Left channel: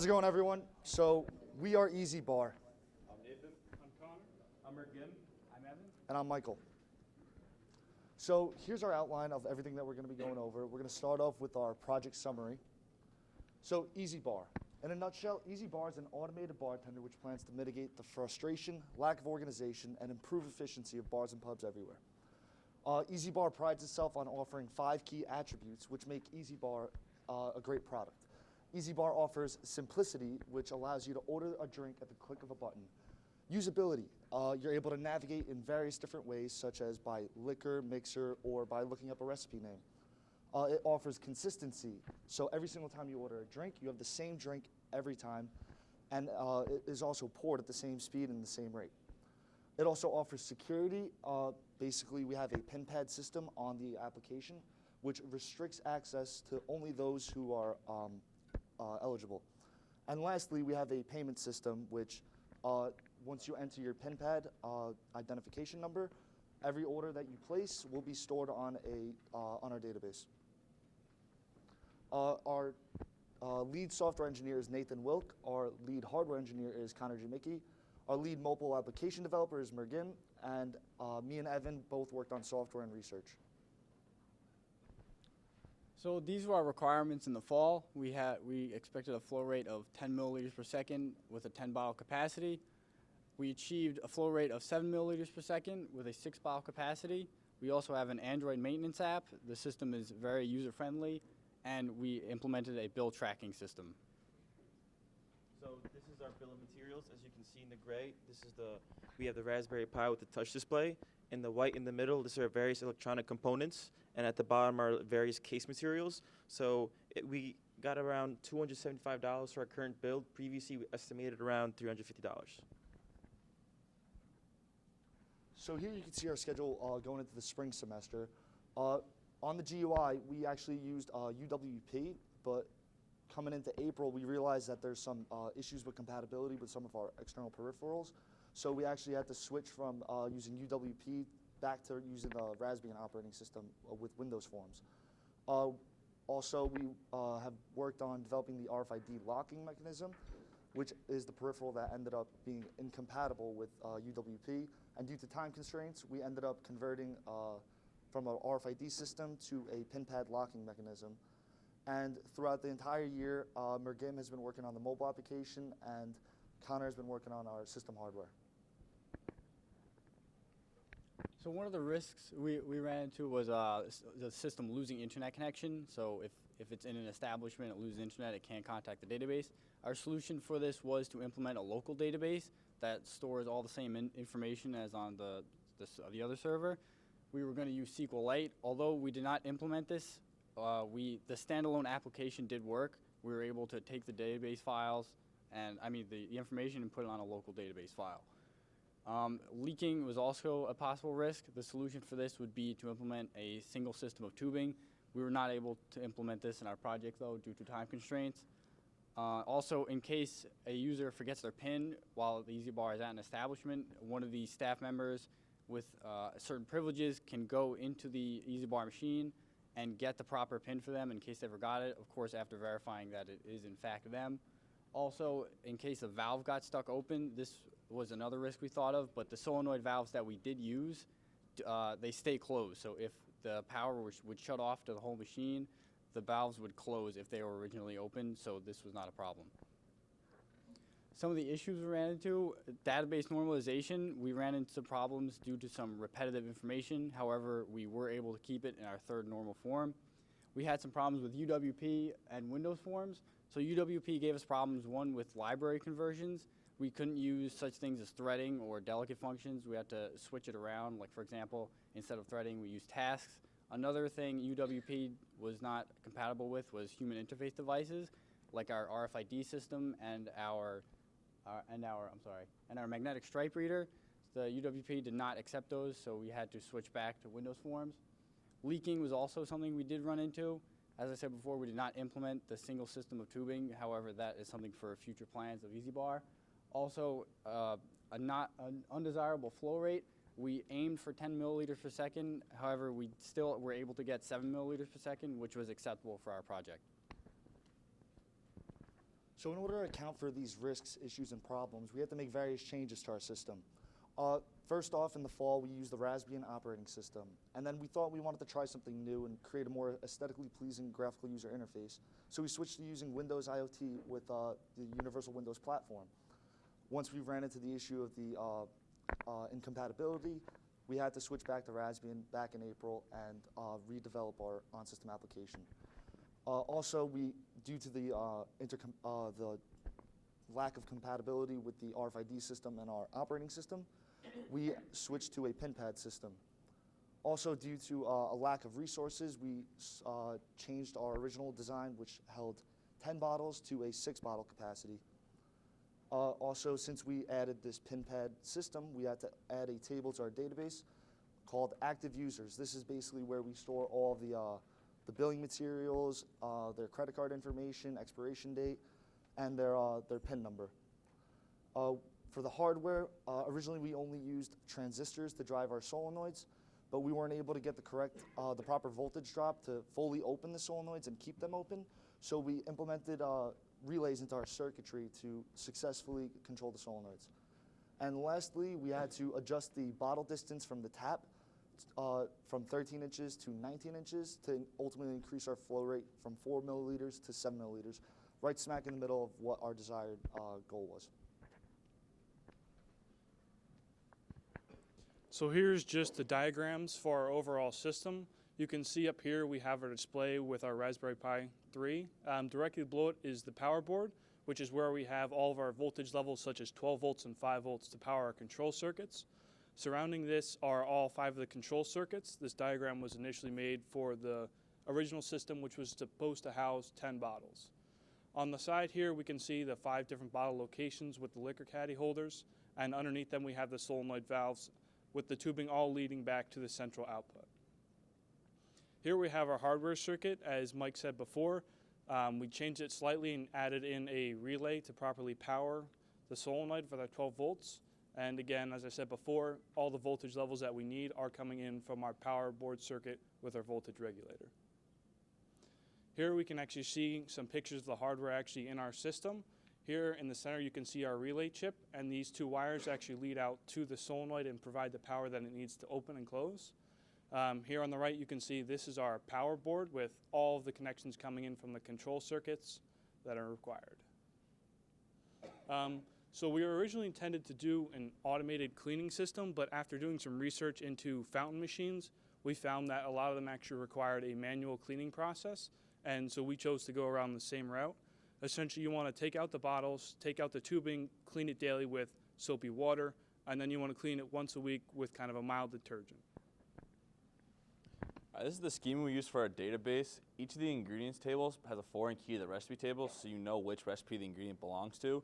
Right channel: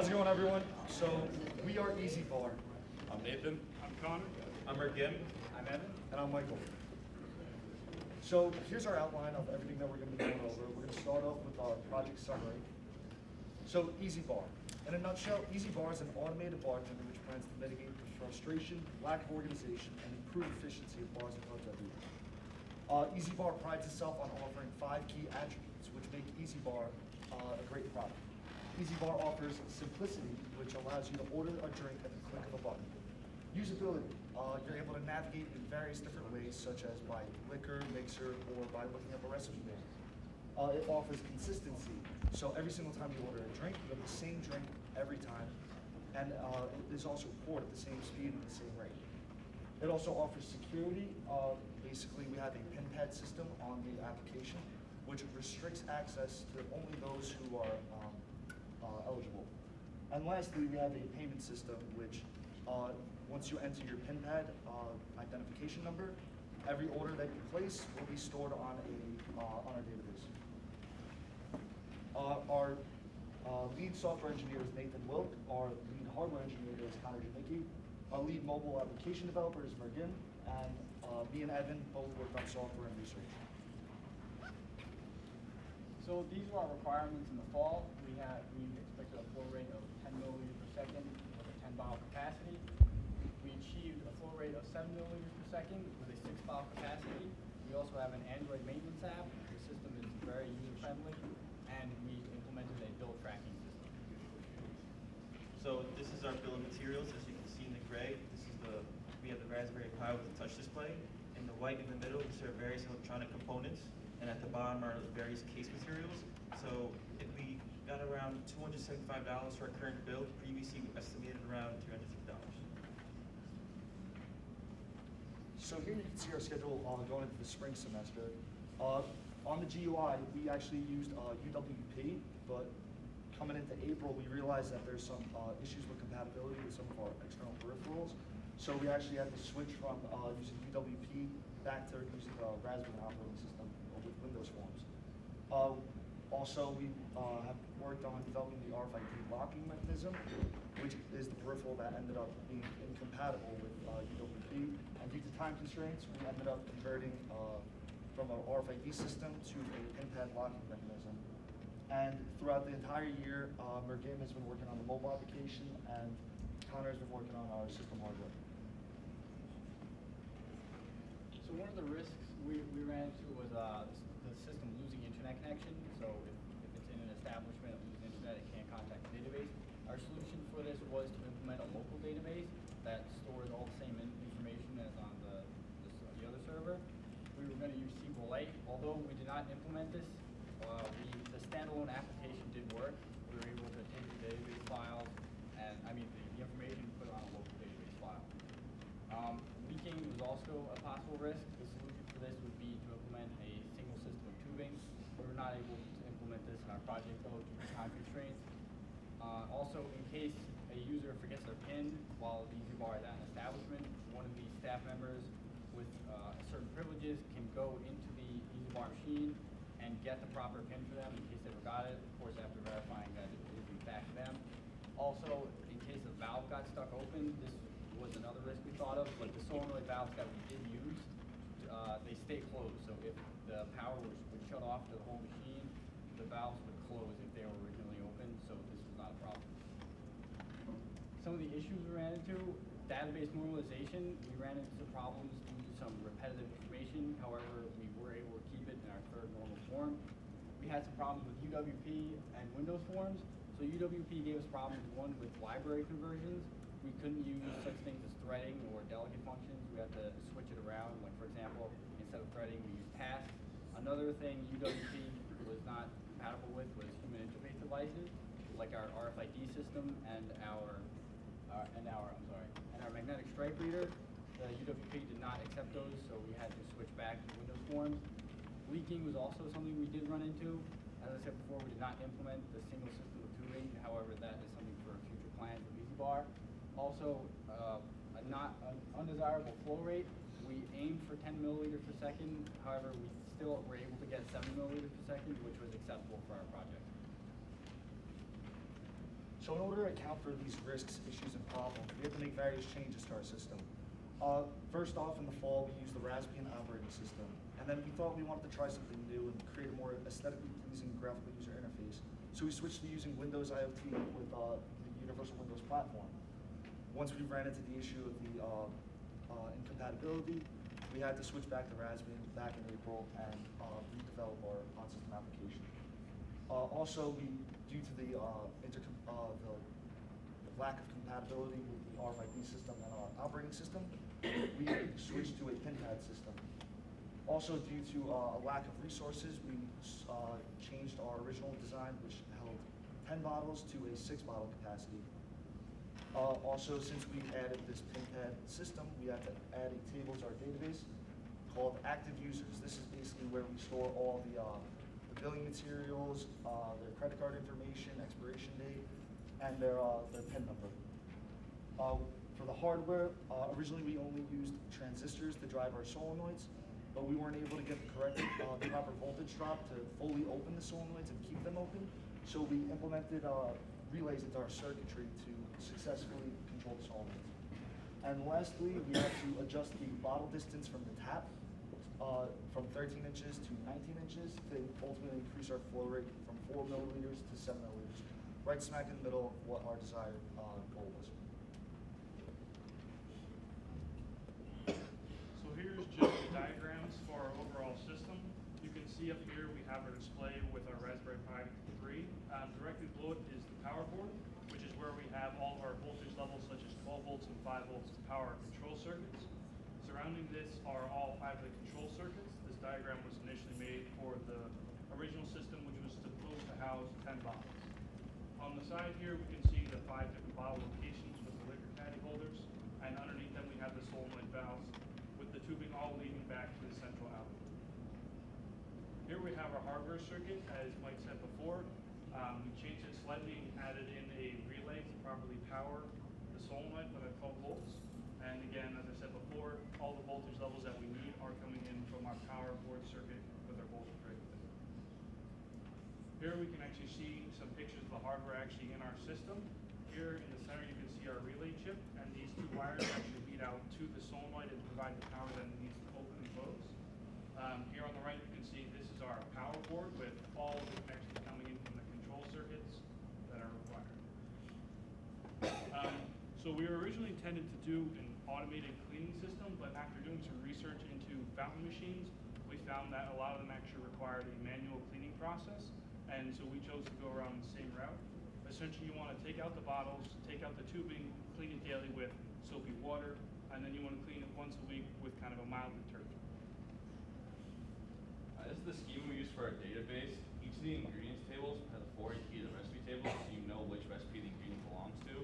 How's it going, everyone? So we are EzBar, I'm Nathan. I'm Connor. I'm Mergim. I'm Evan. and I'm Michael. So here's our outline of everything that we're going to be going over. We're going to start off with our project summary. So EzBar. In a nutshell, EzBar is an automated bartender which plans to mitigate the frustration, lack of organization, and improve efficiency of bars and pubs everywhere. EzBar prides itself on offering 5 key attributes which make EzBar a great product. EzBar offers simplicity, which allows you to order a drink at the click of a button. Usability, you're able to navigate in various different ways, such as by liquor, mixer, or by looking up a recipe name. It offers consistency, so every single time you order a drink, you have the same drink every time, and it is also poured at the same speed and the same rate. It also offers security. Basically, we have a pin pad system on the application, which restricts access to only those who are eligible. And lastly, we have a payment system which, once you enter your PIN pad identification number, every order that you place will be stored on our database. Our lead software engineer is Nathan Wilk. Our lead hardware engineer is Jamicky. Our lead mobile application developer is Mergim, and me and Evan both worked on software and research. So these were our requirements in the fall. We expected a flow rate of 10 milliliters per second with a 10 bottle capacity. We achieved a flow rate of 7 milliliters per second with a 6 bottle capacity. We also have an Android maintenance app. The system is very user friendly, and we implemented a bill tracking system. So this is our bill of materials. As you can see in the gray, we have the Raspberry Pi with the touch display. In the white in the middle, these are various electronic components. And at the bottom are various case materials. So we got around $275 for our current bill. Previously estimated around $350. So here you can see our schedule going into the spring semester. On the GUI, we actually used UWP, but coming into April, we realized that there's some issues with compatibility with some of our external peripherals. So we actually had to switch from using UWP back to using a Raspberry operating system with Windows forms. Also, we have worked on developing the RFID locking mechanism, which is the peripheral that ended up being incompatible with UWP. And due to time constraints, we ended up converting from an RFID system to a pin pad locking mechanism. And throughout the entire year, Mergim has been working on the mobile application, and Connor has been working on our system hardware. So one of the risks we ran into was the system losing internet connection. So if it's in an establishment, it loses internet, it can't contact the database. Our solution for this was to implement a local database that stores all the same information as on the other server. We were going to use SQLite. Although we did not implement this, the standalone application did work. We were able to take the database files and the information and put it on a local database file. Leaking was also a possible risk. The solution for this would be to implement a single system of tubing. We were not able to implement this in our project though due to time constraints. Also, in case a user forgets their PIN while the EzBar is at an establishment, one of the staff members with certain privileges can go into the EzBar machine and get the proper PIN for them in case they forgot it, of course after verifying that it is in fact them. Also, in case a valve got stuck open, this was another risk we thought of, but the solenoid valves that we did use, they stay closed. So if the power would shut off to the whole machine, the valves would close if they were originally open, so this was not a problem. Some of the issues we ran into, database normalization, we ran into problems due to some repetitive information. However, we were able to keep it in our third normal form. We had some problems with UWP and Windows forms. So UWP gave us problems, one with library conversions. We couldn't use such things as threading or delicate functions. We had to switch it around. Like for example, instead of threading, we used tasks. Another thing UWP was not compatible with was human interface devices, like our RFID system and our magnetic stripe reader. The UWP did not accept those, so we had to switch back to Windows forms. Leaking was also something we did run into. As I said before, we did not implement the single system of tubing. However, that is something for future plans of EzBar. Also, an undesirable flow rate. We aimed for 10 milliliters per second. However, we still were able to get 7 milliliters per second, which was acceptable for our project. So in order to account for these risks, issues, and problems, we have to make various changes to our system. First off, in the fall, we used the Raspbian operating system, and then we thought we wanted to try something new and create a more aesthetically pleasing graphical user interface. So we switched to using Windows IoT with the Universal Windows platform. Once we ran into the issue of the incompatibility, we had to switch back to Raspbian back in April and redevelop our on-system application. Also, due to the lack of compatibility with the RFID system and our operating system, we switched to a pin pad system. Also, due to a lack of resources, we changed our original design, which held 10 bottles, to a 6-bottle capacity. Also, since we added this pin pad system, we had to add a table to our database called active users. This is basically where we store all the billing materials, their credit card information, expiration date, and their PIN number. For the hardware, originally we only used transistors to drive our solenoids, but we weren't able to get the proper voltage drop to fully open the solenoids and keep them open. So we implemented relays into our circuitry to successfully control the solenoids. And lastly, we had to adjust the bottle distance from the tap from 13 inches to 19 inches to ultimately increase our flow rate from 4 milliliters to 7 milliliters, right smack in the middle of what our desired goal was. So here's just the diagrams for our overall system. You can see up here we have our display with our Raspberry Pi 3. Directly below it is the power board, which is where we have all of our voltage levels such as 12 volts and 5 volts to power our control circuits. Surrounding this are all 5 of the control circuits. This diagram was initially made for the original system, which was supposed to house 10 bottles. On the side here, we can see the 5 different bottle locations with the liquor caddy holders, and underneath them we have the solenoid valves with the tubing all leading back to the central output. Here we have our hardware circuit. As Mike said before, we changed it slightly and added in a relay to properly power the solenoid for that 12 volts. And again, as I said before, all the voltage levels that we need are coming in from our power board circuit with our voltage regulator. Here we can actually see some pictures of the hardware actually in our system. Here in the center you can see our relay chip, and these 2 wires actually lead out to the solenoid and provide the power that it needs to open and close. Here on the right you can see this is our power board with all the connections coming in from the control circuits that are required. So we were originally intended to do an automated cleaning system, but after doing some research into fountain machines, we found that a lot of them actually required a manual cleaning process, and so we chose to go around the same route. Essentially, you want to take out the bottles, take out the tubing, clean it daily with soapy water, and then you want to clean it once a week with kind of a mild detergent. This is the schema we use for our database. Each of the ingredients tables has a foreign key to the recipe table, so you know which recipe the ingredient belongs to.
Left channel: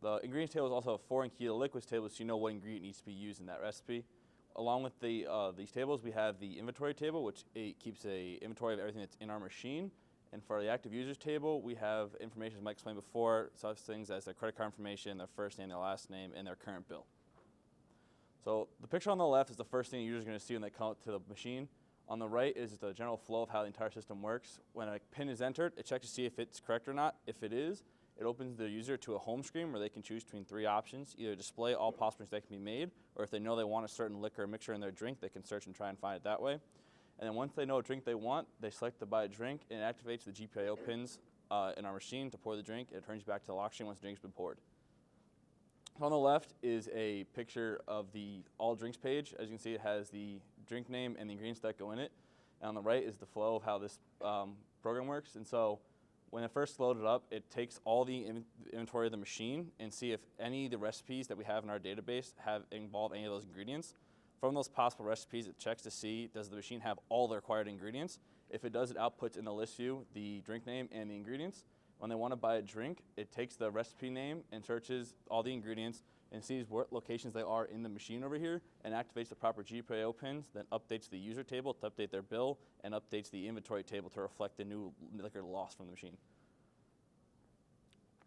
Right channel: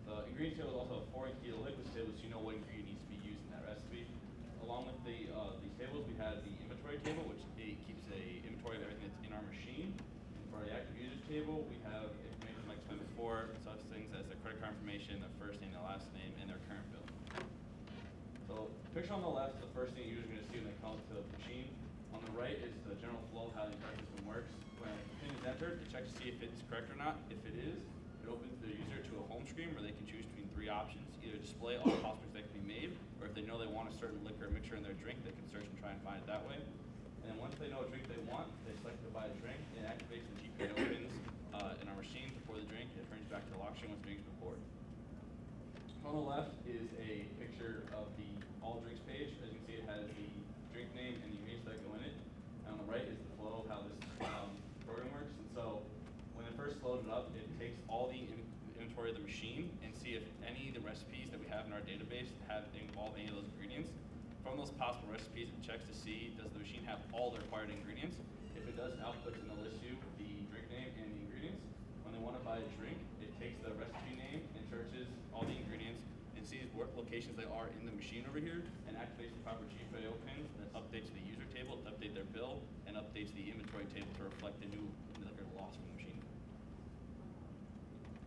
The ingredients table is also a foreign key to the liquids table, so you know what ingredient needs to be used in that recipe. Along with these tables, we have the inventory table, which keeps an inventory of everything that's in our machine. And for the active users table, we have information, as Mike explained before, such things as their credit card information, their first name, their last name, and their current bill. So the picture on the left is the first thing users are going to see when they call it to the machine. On the right is the general flow of how the entire system works. When a PIN is entered, it checks to see if it's correct or not. If it is, it opens the user to a home screen where they can choose between 3 options: either display all possible mistakes that can be made, or if they know they want a certain liquor or mixture in their drink, they can search and try and find it that way. And then once they know a drink they want, they select to buy a drink, and it activates the GPIO pins in our machine to pour the drink, and it turns back to the lock screen once the drink's been poured. On the left is a picture of the all drinks page. As you can see, it has the drink name and the ingredients that go in it. And on the right is the flow of how this program works. And so when it first loaded up, it takes all the inventory of the machine and see if any of the recipes that we have in our database involve any of those ingredients. From those possible recipes, it checks to see, does the machine have all the required ingredients? If it does, it outputs in the list view the drink name and the ingredients. When they want to buy a drink, it takes the recipe name and searches all the ingredients and sees what locations they are in the machine over here and activates the proper GPIO pins, then updates the user table to update their bill, and updates the inventory table to reflect the new liquor loss from the machine.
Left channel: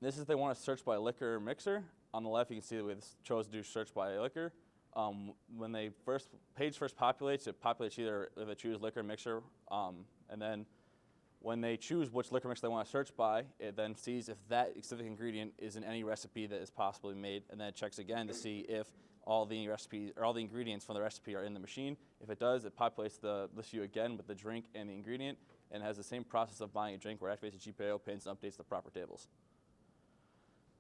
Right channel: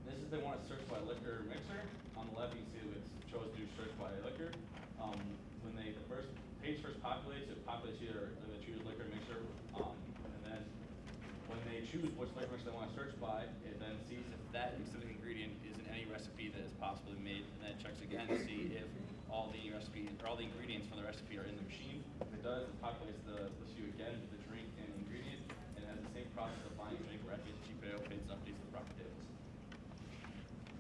This is if they want to search by liquor or mixer. On the left, you can see that it's chose to do search by liquor. When they page first populates, it populates either if they choose liquor or mixer, and then When they choose which liquor mix they want to search by, it then sees if that specific ingredient is in any recipe that is possibly made, and then it checks again to see if all the recipes or all the ingredients from the recipe are in the machine. If it does, it populates the list view again with the drink and the ingredient, and has the same process of buying a drink where it activates the cheat potato pins and updates the proper tables.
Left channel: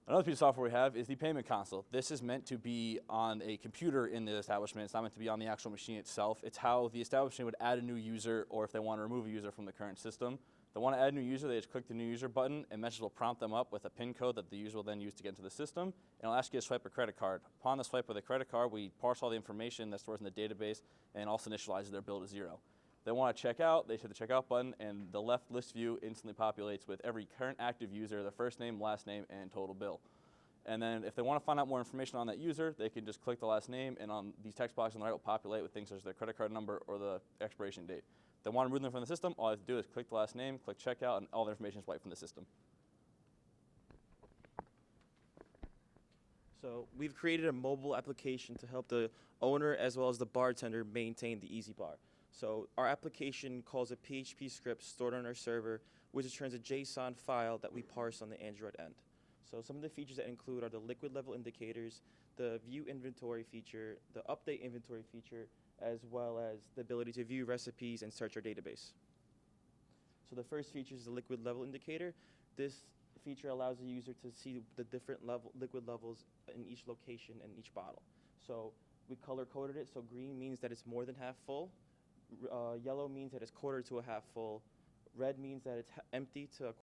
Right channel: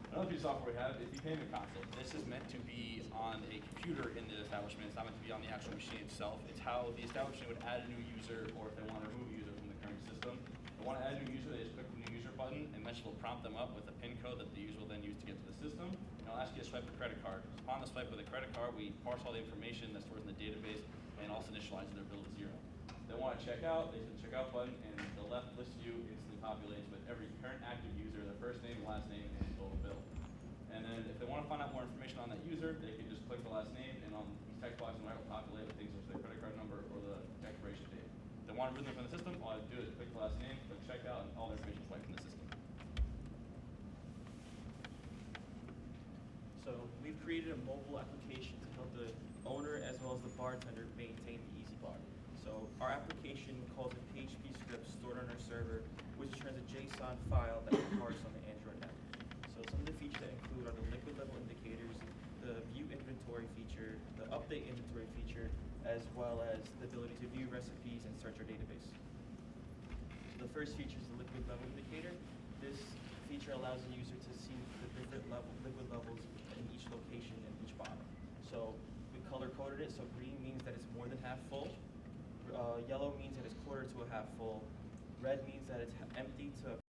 Another piece of software we have is the payment console. This is meant to be on a computer in the establishment. It's not meant to be on the actual machine itself. It's how the establishment would add a new user, or if they want to remove a user from the current system. If they want to add a new user, they just click the new user button, and Message will prompt them up with a PIN code that the user will then use to get to the system. And it'll ask you to swipe a credit card. Upon the swipe of the credit card, we parse all the information that's stored in the database and also initialize their bill to 0. If they want to check out, they hit the checkout button, and the left list view instantly populates with every current active user, their first name, last name, and total bill. And then if they want to find out more information on that user, they can just click the last name, and on these text boxes on the right will populate with things such as their credit card number or the expiration date. If they want to remove them from the system, all I have to do is click the last name, click checkout, and all the information is wiped from the system. So we've created a mobile application to help the owner as well as the bartender maintain the EzBar. So our application calls a PHP script stored on our server, which turns a JSON file that we parse on the Android app. So some of the features that include are the liquid level indicators, the view inventory feature, the update inventory feature, as well as the ability to view recipes and search our database. So the first feature is the liquid level indicator. This feature allows the user to see the different liquid levels in each location in each bottle. So we color coded it, so green means that it's more than half full, yellow means that it's quarter to a half full, red means that it's empty to